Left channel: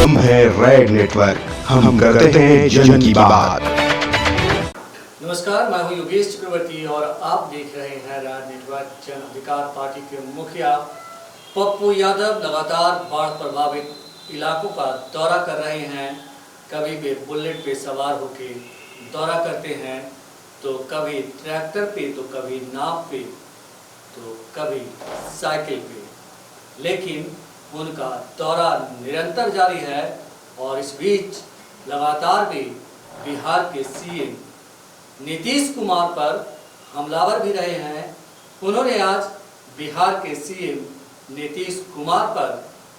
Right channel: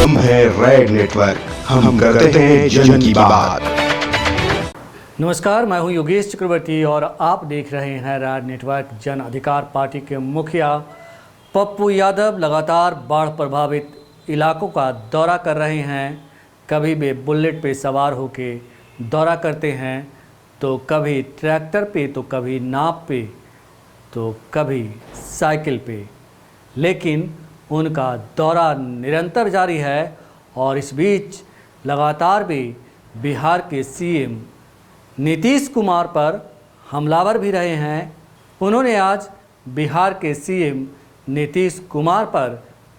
हम हैं red network, हम करते हैं जन की बात। नमस्कार, मैं हूं योगेश चक्रवर्ती और आप देख रहे हैं रेड नेटवर्क। जन अधिकार पार्टी के मुखिया पप्पू यादव लगातार बाढ़ प्रभावित इलाकों का दौरा कर रहे हैं। कभी वे बुलेट पे सवार होके दौरा करते हैं, तो कभी ट्रैक्टर पे, तो कभी नाव पे, तो कभी साइकिल पे, लेकिन उनका दौरा निरंतर जारी है। और इस बीच लगातार वे बिहार के सीएम नीतीश कुमार पर हमलावर भी रहे हैं। उन्होंने आज बिहार के सीएम नीतीश कुमार पर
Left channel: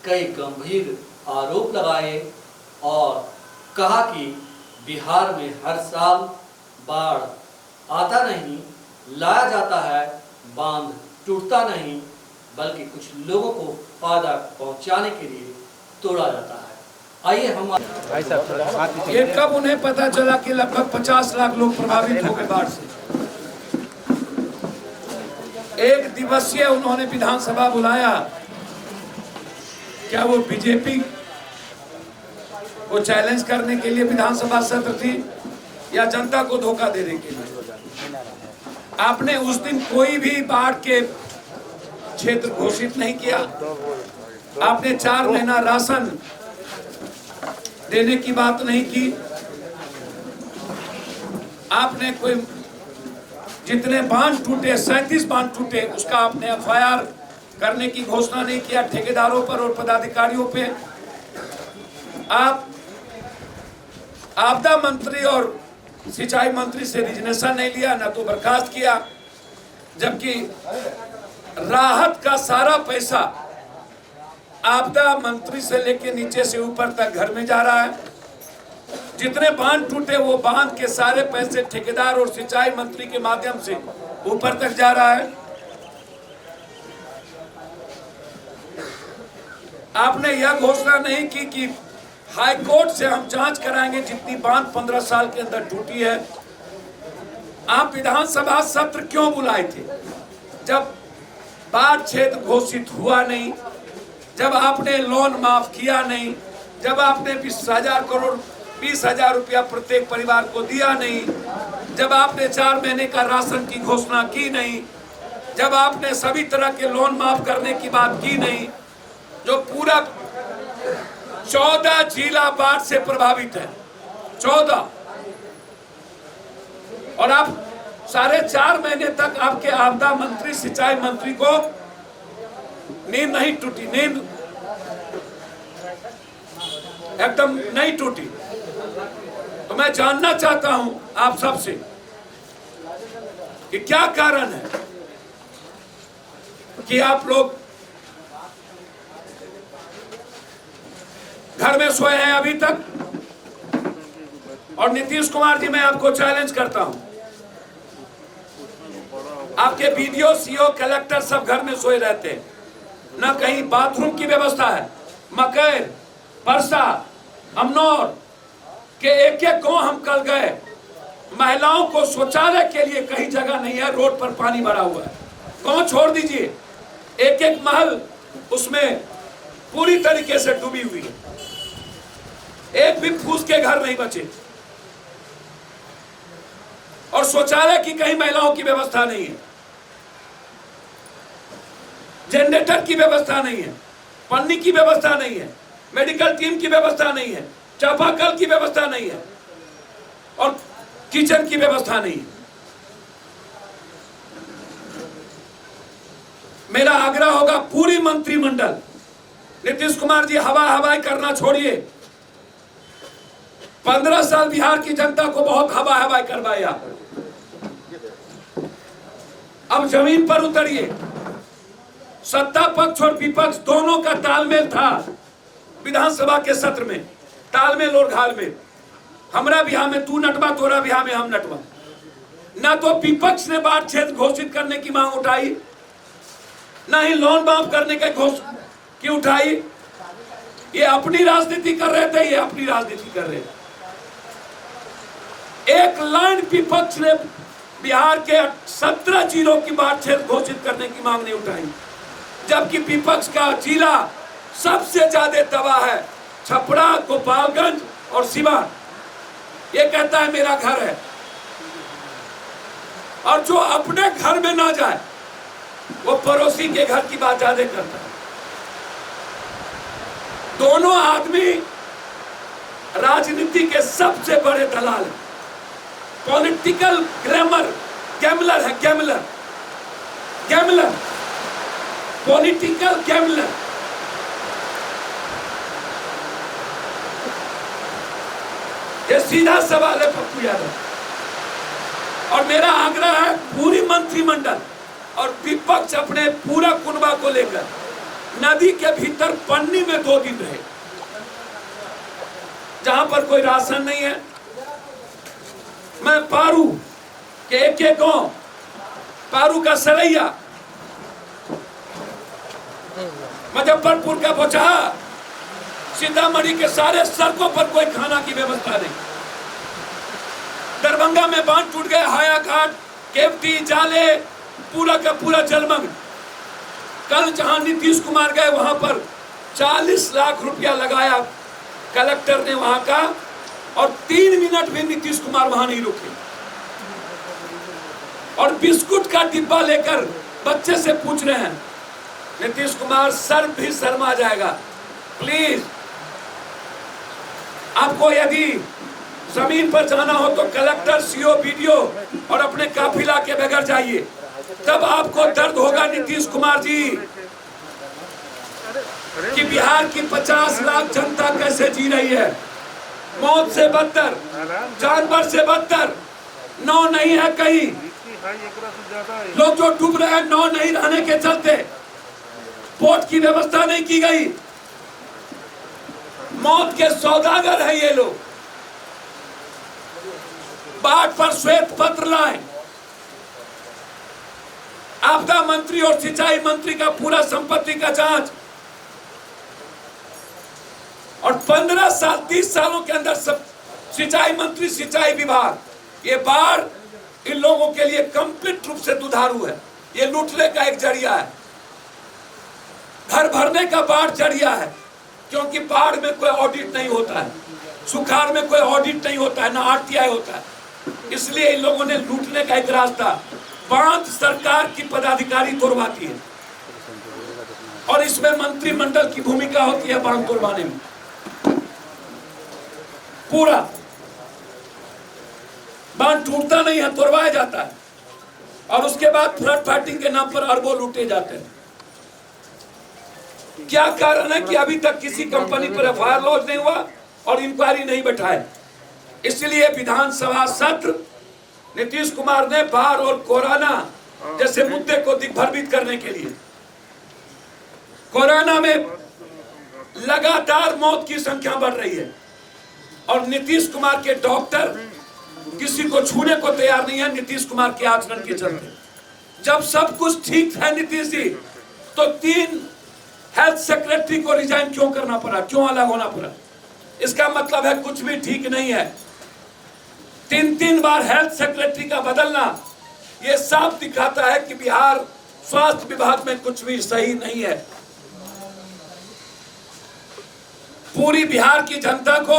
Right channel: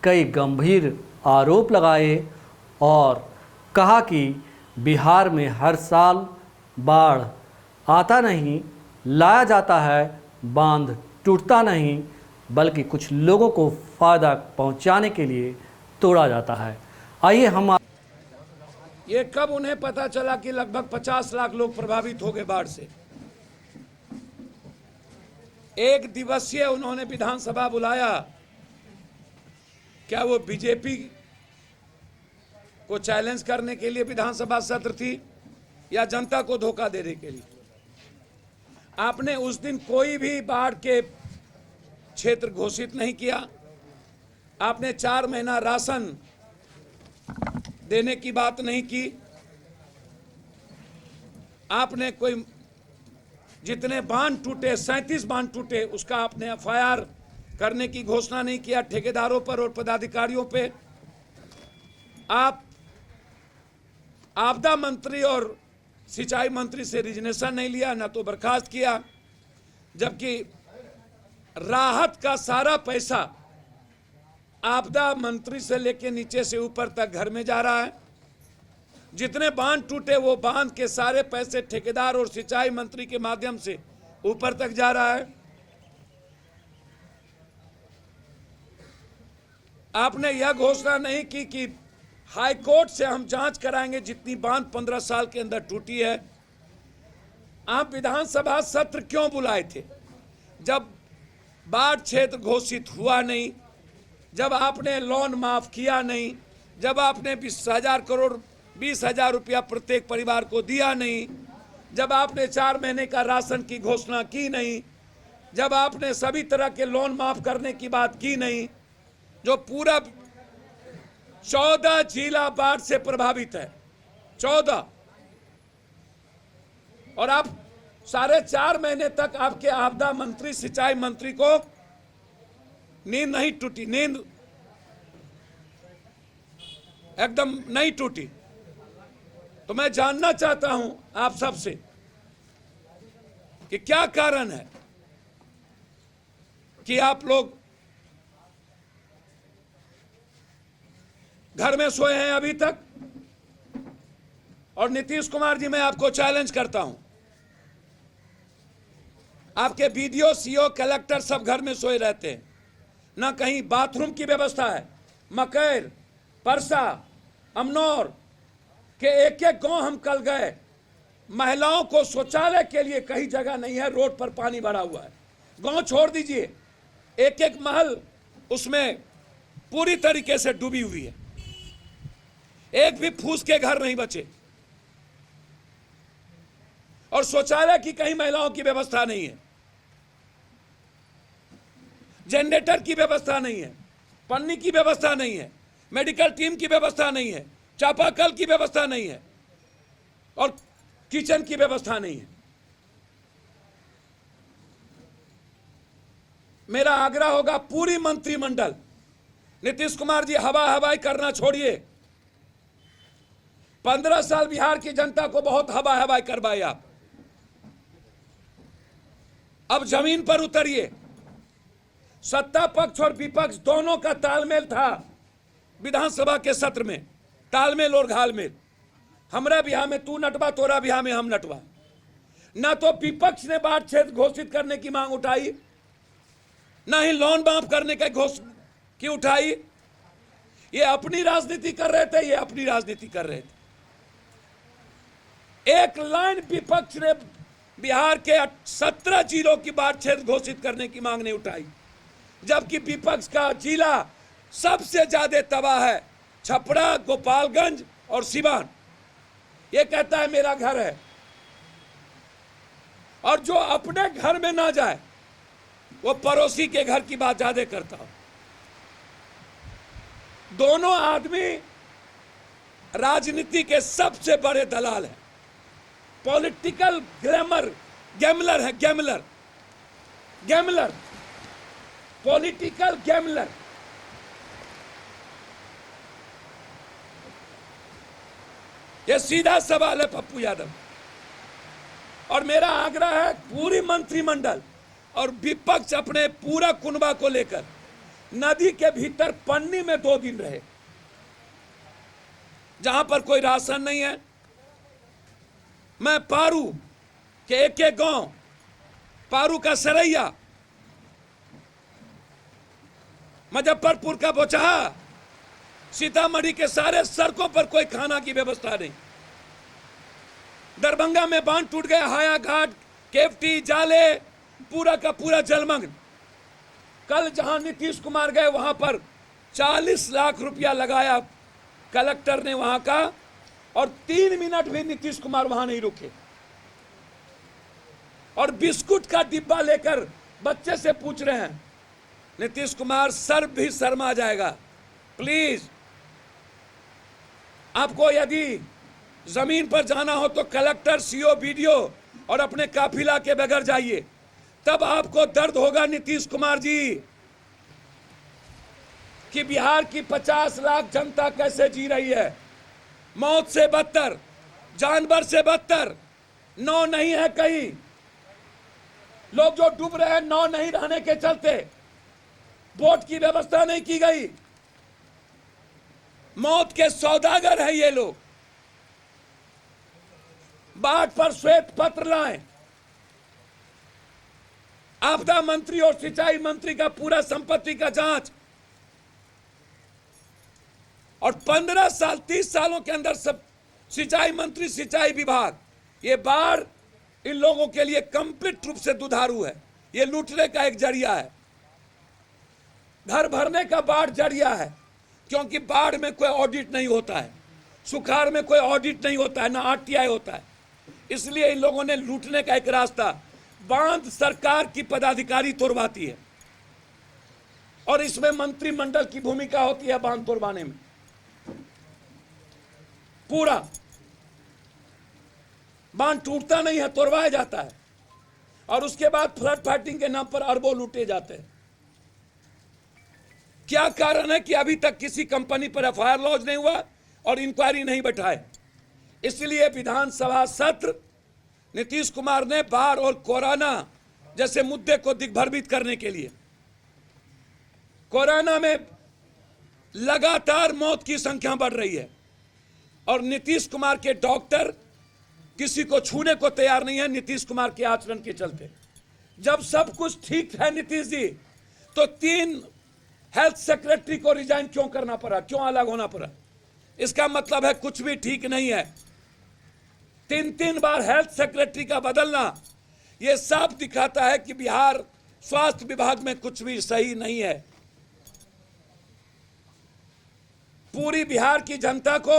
कई गंभीर आरोप लगाए और कहा कि बिहार में हर साल बाढ़ आता नहीं, लाया जाता है, बांध टूटता नहीं, बल्कि कुछ लोगों को फायदा पहुंचाने के लिए तोड़ा जाता है। आइए हम ये कब उन्हें पता चला कि लगभग 50 लाख लोग प्रभावित हो गए बाढ़ से। एक दिवसीय उन्होंने विधानसभा बुलाया। क्या वो बीजेपी को चैलेंज करने के लिए विधानसभा सत्र थी या जनता को धोखा देने के लिए? आपने उस दिन कोई भी बाढ़ के क्षेत्र घोषित नहीं किया। आपने 4 महीना राशन देने की बात नहीं की। आपने कोई जितने बांध टूटे, 37 बांध टूटे, उसका आपने एफआईआर करने की घोषणा नहीं किया ठेकेदारों पर और पदाधिकारियों पे। आप आपदा मंत्री और सिंचाई मंत्री से रिजनेशन नहीं लिया, न तो बर्खास्त किया, जबकि राहत का सारा पैसा आपदा मंत्री से लेके नीचे से ऊपर तक घर में जा रहा है। जितने बांध टूटे वो बांध के सारे पैसे ठेकेदार और सिंचाई मंत्री के माध्यम से ऊपर तक जा रहा है। आपने यह घोषणा नहीं की कि हाई कोर्ट से हम जांच कराएंगे जितनी बांध 15 साल के अंदर टूटी है। आप विधानसभा सत्र क्यों बुलाए थे जब बाढ़ क्षेत्र घोषित हुआ नहीं, जब आपने लोन माफ किया नहीं, जब आपने 20,000 रुपया प्रत्येक परिवार को दिया नहीं, जब आपने 4 महीने का राशन की घोषणा की नहीं, जब आपने सभी तरह के लोन माफ करने की बात की नहीं, जो पूरा 14 जिला बाढ़ से प्रभावित है, 14, और आप 4.5 महीने तक आपके आपदा मंत्री, सिंचाई मंत्री को नींद नहीं टूटी, नींद एकदम नहीं टूटी। तो मैं जानना चाहता हूं आप सबसे कि क्या कारण है कि आप लोग घर में सोए हैं अभी तक। और नीतीश कुमार जी, मैं आपको चैलेंज करता हूं, आपके बीडीओ, सीओ, कलेक्टर सब घर में सोए रहते हैं, ना कहीं बाथरूम की व्यवस्था है। मकैर, परसा, अमनौर के एक गांव हम कल गए, महिलाओं को शौचालय के लिए कहीं जगह नहीं है, रोड पर पानी भरा हुआ है। गांव छोड़ दीजिए, एक महल उसमें पूरी तरीके से डूबी हुई है, एक भी फूस के घर नहीं बचे, और शौचालय की कहीं महिलाओं की व्यवस्था नहीं है, जनरेटर की व्यवस्था नहीं है, पन्नी की व्यवस्था नहीं है, मेडिकल टीम की व्यवस्था नहीं है, चापाकल की व्यवस्था नहीं है, और किचन की व्यवस्था नहीं है। मेरा आग्रह होगा पूरी मंत्रिमंडल, नीतीश कुमार जी हवा हवाई करना छोड़िए। 15 साल बिहार की जनता को बहुत हवा हवाई करवाया, अब जमीन पर उतरिए। सत्ता पक्ष और विपक्ष दोनों का तालमेल था विधानसभा के सत्र में, तालमेल और घालमेल। हमरा बिहार में तू नटवा, तोरा बिहार में हम नटवा। ना तो विपक्ष ने बाढ़ क्षेत्र घोषित करने की मांग उठाई, ना ही लोन माफ करने के की उठाई। ये अपनी राजनीति कर रहे थे, ये अपनी राजनीति कर रहे थे। एक लाइन विपक्ष ने बिहार के 17 जिलों की बाढ़ क्षेत्र घोषित करने की मांग नहीं उठाई, जबकि विपक्ष का जिला सबसे ज्यादा तबाह है। छपरा, गोपालगंज और सिवान, ये कहता है मेरा घर है। और जो अपने घर में ना जाए वो पड़ोसी के घर की बात ज्यादा करता है। दोनों आदमी राजनीति के सबसे बड़े दलाल हैं। पॉलिटिकल गैमलर है, गैमलर, पॉलिटिकल गैमलर। ये सीधा सवाल है पप्पू यादव। और मेरा आग्रह है पूरी मंत्रिमंडल और विपक्ष अपने पूरा कुनबा को लेकर नदी के भीतर पन्नी में 2 दिन रहे। जहां पर कोई राशन नहीं है, मैं पारू के एक गांव, पारू का सरैया, मुजफ्फरपुर का बोचहा, सीतामढ़ी के सारे सड़कों पर कोई खाना की व्यवस्था नहीं। दरभंगा में बांध टूट गए, हाया घाट, केवटी, जाले, पूरा का पूरा जलमग्न। कल जहां नीतीश कुमार गए वहां पर 40 लाख रुपया लगाया कलेक्टर ने वहां का, और 3 मिनट भी नीतीश कुमार वहां नहीं रुके। और बिस्कुट का डिब्बा लेकर बच्चे से पूछ रहे हैं नीतीश कुमार, सर भी शर्मा जाएगा। प्लीज, आपको यदि जमीन पर जाना हो तो कलेक्टर, सीओ, बीडीओ और अपने काफिला के बगैर जाइए, तब आपको दर्द होगा नीतीश कुमार जी कि बिहार की 50 लाख जनता कैसे जी रही है। मौत से बदतर, जानवर से बदतर, नौ नहीं है कहीं। लोग जो डूब रहे हैं, नौ नहीं रहने के चलते, बोट की व्यवस्था नहीं की गई। मौत के सौदागर है ये लोग। बाढ़ पर श्वेत पत्र लाए। आपदा मंत्री और सिंचाई मंत्री का पूरा संपत्ति का जांच, और 15 साल 30 सालों के अंदर सब सिंचाई मंत्री, सिंचाई विभाग, ये बाढ़ इन लोगों के लिए कंप्लीट रूप से दुधारू है। ये लूटने का एक जरिया है, घर भरने का बाढ़ जरिया है, क्योंकि बाढ़ में कोई ऑडिट नहीं होता है, सुखाड़ में कोई ऑडिट नहीं होता है, ना आरटीआई होता है। इसलिए इन लोगों ने लूटने का एक रास्ता, बांध सरकार की पदाधिकारी तोड़वाती है, और इसमें मंत्रिमंडल की भूमिका होती है बांध तोड़वाने में। पूरा बांध टूटता नहीं है, तोड़वाया जाता है, और उसके बाद फ्लड फाइटिंग के नाम पर अरबों लूटे जाते हैं। क्या कारण है कि अभी तक किसी कंपनी पर एफआईआर लॉन्च नहीं हुआ और इंक्वायरी नहीं बैठाए? इसलिए विधानसभा सत्र नीतीश कुमार ने बाढ़ और कोरोना जैसे मुद्दे को दिग्भ्रमित करने के लिए, कोरोना में लगातार मौत की संख्या बढ़ रही है और नीतीश कुमार के डॉक्टर किसी को छूने को तैयार नहीं है नीतीश कुमार के आचरण के चलते। जब सब कुछ ठीक है नीतीश जी, तो 3 हेल्थ सेक्रेटरी को रिजाइन क्यों करना पड़ा, क्यों अलग होना पड़ा? इसका मतलब है कुछ भी ठीक नहीं है। 3 बार हेल्थ सेक्रेटरी का बदलना यह साफ दिखाता है कि बिहार स्वास्थ्य विभाग में कुछ भी सही नहीं है। पूरी बिहार की जनता को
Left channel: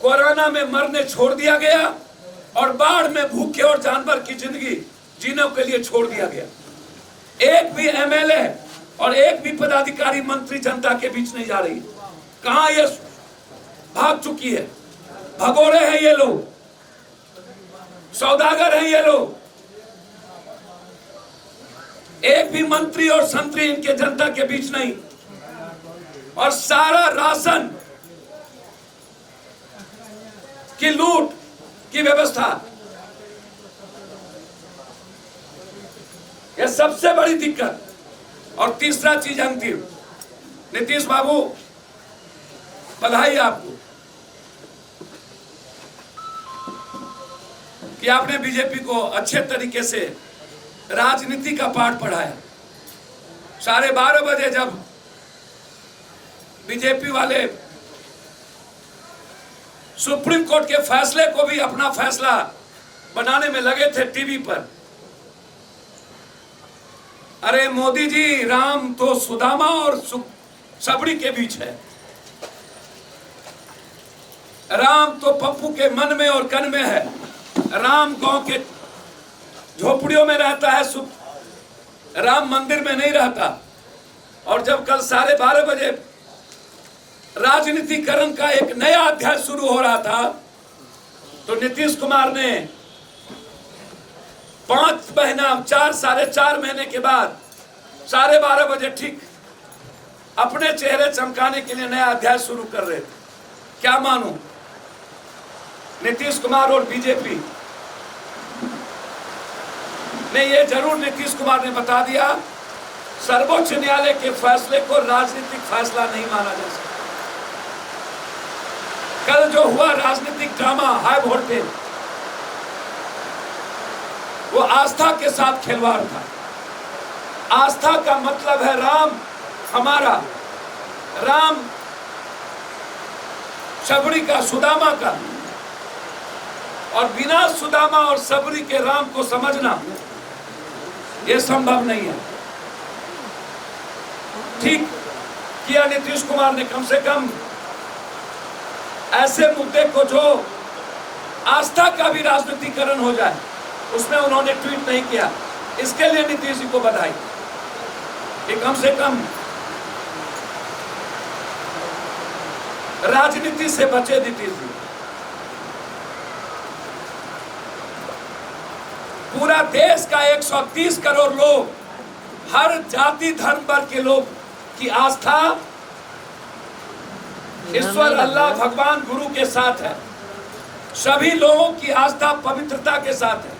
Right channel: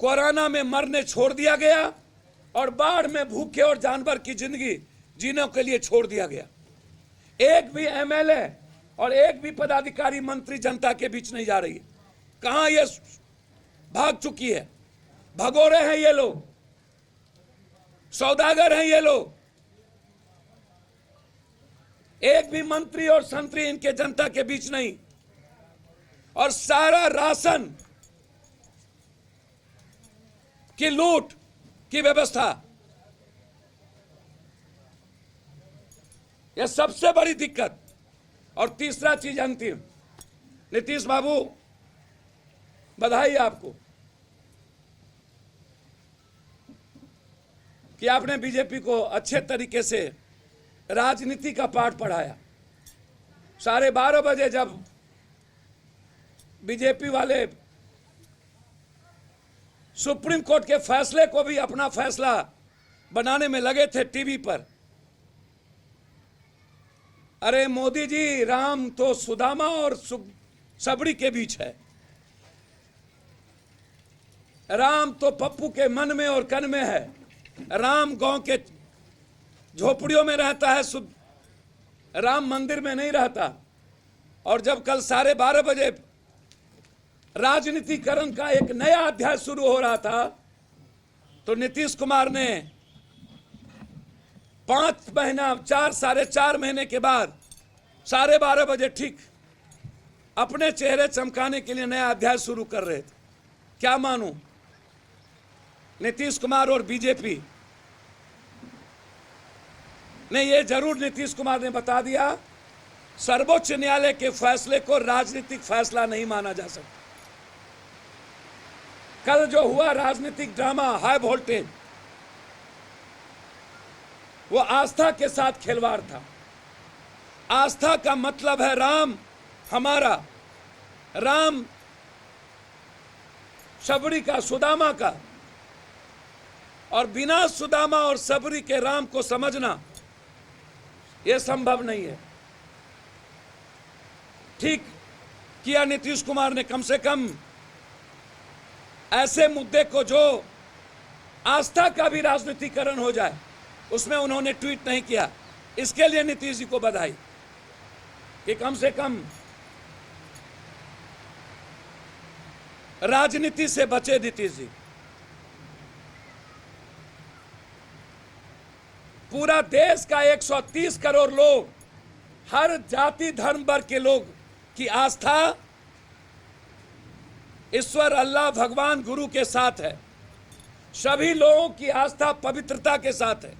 कोरोना में मरने छोड़ दिया गया और बाढ़ में भूखे और जानवर की जिंदगी जीने के लिए छोड़ दिया गया। एक भी एमएलए और एक भी पदाधिकारी, मंत्री जनता के बीच नहीं जा रही। कहां ये भाग चुकी है? भगोड़े हैं ये लोग, सौदागर हैं ये लोग। एक भी मंत्री और संतरी इनके जनता के बीच नहीं, और सारा राशन की लूट की व्यवस्था, यह सबसे बड़ी दिक्कत। और तीसरा चीज अंतिम, नीतीश बाबू बधाई आपको कि आपने बीजेपी को अच्छे तरीके से राजनीति का पाठ पढ़ाया। 12:30 बजे जब बीजेपी वाले सुप्रीम कोर्ट के फैसले को भी अपना फैसला बनाने में लगे थे टीवी पर, अरे मोदी जी, राम तो सुदामा और सबड़ी के बीच है। राम तो पप्पू के मन में और कन में है। राम गांव के झोपड़ियों में रहता है, राम मंदिर में नहीं रहता। और जब कल 12:30 बजे राजनीतिकरण का एक नया अध्याय शुरू हो रहा था, तो नीतीश कुमार ने 5 महीना 4-4.5 महीने के बाद 12:30 बजे ठीक अपने चेहरे चमकाने के लिए नया अध्याय शुरू कर रहे थे। क्या मानूं, नीतीश कुमार और बीजेपी ने ये जरूर नीतीश कुमार ने बता दिया, सर्वोच्च न्यायालय के फैसले को राजनीतिक फैसला नहीं माना जा सकता। कल जो हुआ राजनीतिक ड्रामा हाई वोल्टेज, वो आस्था के साथ खिलवाड़ था। आस्था का मतलब है राम हमारा, राम सबरी का, सुदामा का, और बिना सुदामा और सबरी के राम को समझना यह संभव नहीं है। ठीक किया नीतीश कुमार ने, कम से कम ऐसे मुद्दे को जो आस्था का भी राजनीतिकरण हो जाए, उसमें उन्होंने ट्वीट नहीं किया। इसके लिए नीतीश जी को बधाई कि कम से कम राजनीति से बचे नीतीश जी। पूरा देश का 130 करोड़ लोग, हर जाति धर्म वर्ग के लोग की आस्था ईश्वर अल्लाह भगवान गुरु के साथ है। सभी लोगों की आस्था पवित्रता के साथ है।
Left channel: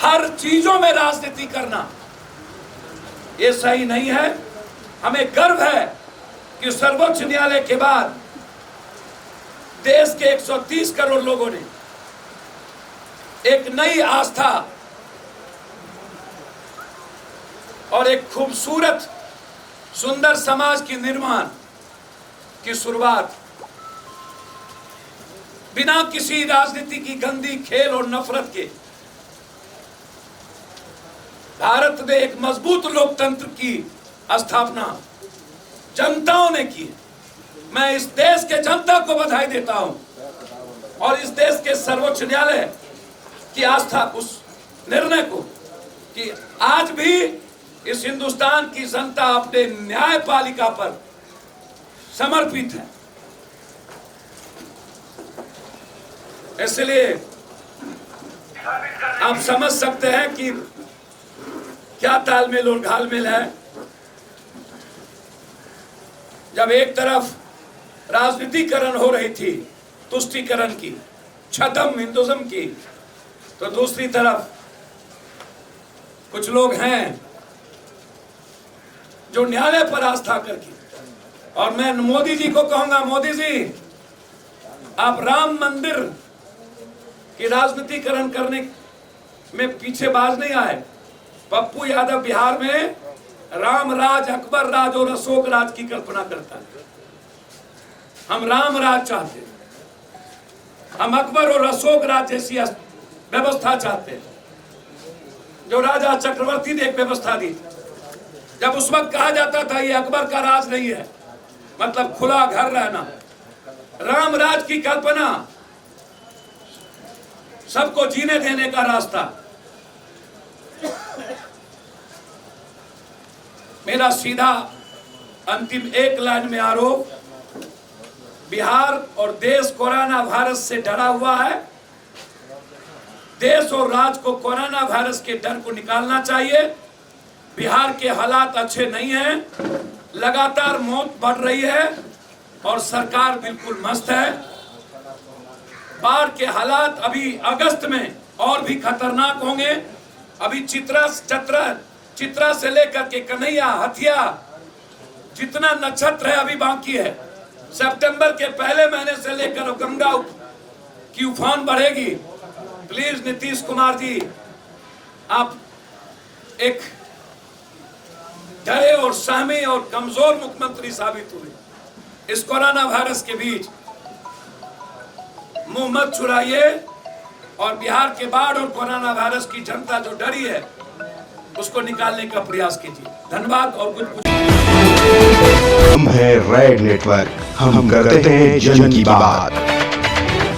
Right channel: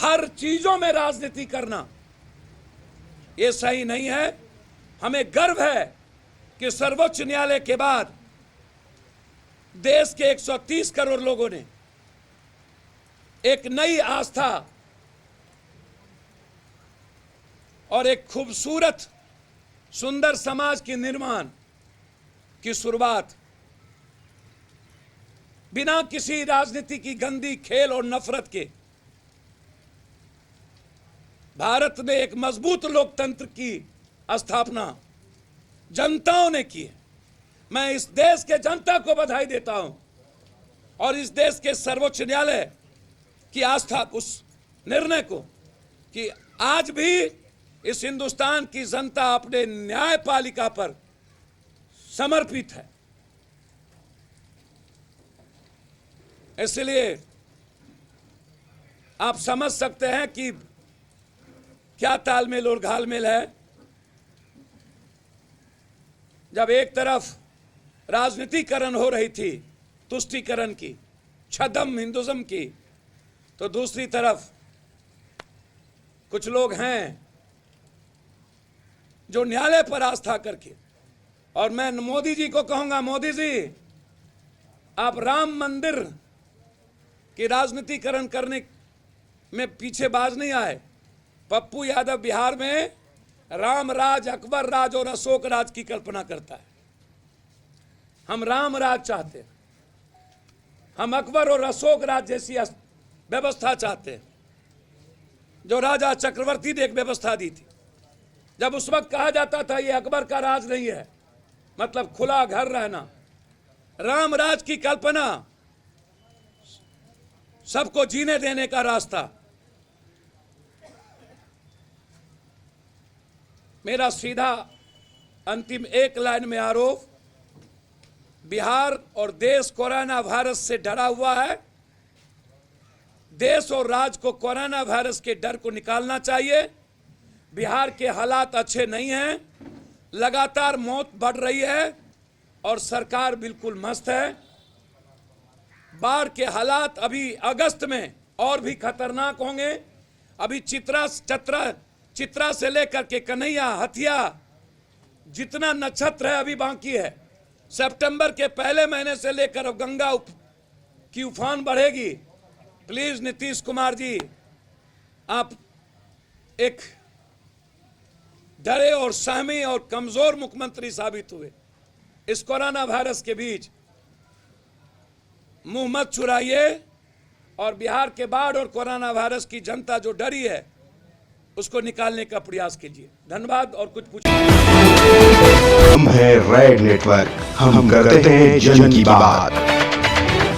हर चीजों में राजनीति करना यह सही नहीं है। हमें गर्व है कि सर्वोच्च न्यायालय के बाद देश के 130 करोड़ लोगों ने एक नई आस्था और एक खूबसूरत सुंदर समाज के निर्माण की शुरुआत बिना किसी राजनीति की गंदी खेल और नफरत के भारत में एक मजबूत लोकतंत्र की स्थापना जनताओं ने की। मैं इस देश के जनता को बधाई देता हूं और इस देश के सर्वोच्च न्यायालय की आस्था, उस निर्णय को कि आज भी इस हिंदुस्तान की जनता अपने न्यायपालिका पर समर्पित है। इसलिए आप समझ सकते हैं कि क्या तालमेल और घालमेल है। जब एक तरफ राजनीतिकरण हो रही थी, तुष्टीकरण की, छद्म हिंदुज्म की, तो दूसरी तरफ कुछ लोग हैं जो न्यायालय पर आस्था करके, और मैं मोदी जी को कहूंगा, मोदी जी आप राम मंदिर की राजनीतिकरण करने में पीछे बाज नहीं आए। पप्पू यादव बिहार में राम राज, अकबर राज और अशोक राज की कल्पना करता है। हम राम राज चाहते हैं, हम अकबर और अशोक राज जैसी व्यवस्था चाहते हैं, जो राजा चक्रवर्ती ने एक व्यवस्था दी थी। जब उस वक्त कहा जाता था ये अकबर का राज नहीं है, मतलब खुला घर रहना। राम राज की कल्पना सबको जीने देने का रास्ता। मेरा सीधा अंतिम एक लाइन में आरोप, बिहार और देश कोरोना वायरस से डरा हुआ है। देश और राज्य को कोरोना वायरस के डर को निकालना चाहिए। बिहार के हालात अच्छे नहीं हैं, लगातार मौत बढ़ रही है और सरकार बिल्कुल मस्त है। बाढ़ के हालात अभी अगस्त में और भी खतरनाक होंगे। अभी चित्रा से लेकर के कन्हैया, हथिया, जितना नक्षत्र है अभी बाकी है। सितंबर के पहले महीने से लेकर गंगा की उफान बढ़ेगी। प्लीज नीतीश कुमार जी, आप एक डरे और सहमी और कमजोर मुख्यमंत्री साबित हुए। इस कोरोना वायरस के बीच मुंह मत चुराइए और बिहार के बाढ़ और कोरोना वायरस की जनता जो डरी है उसको निकालने का प्रयास कीजिए। धन्यवाद। और कुछ हम है रेड नेटवर्क। हम करते हैं जन की बात।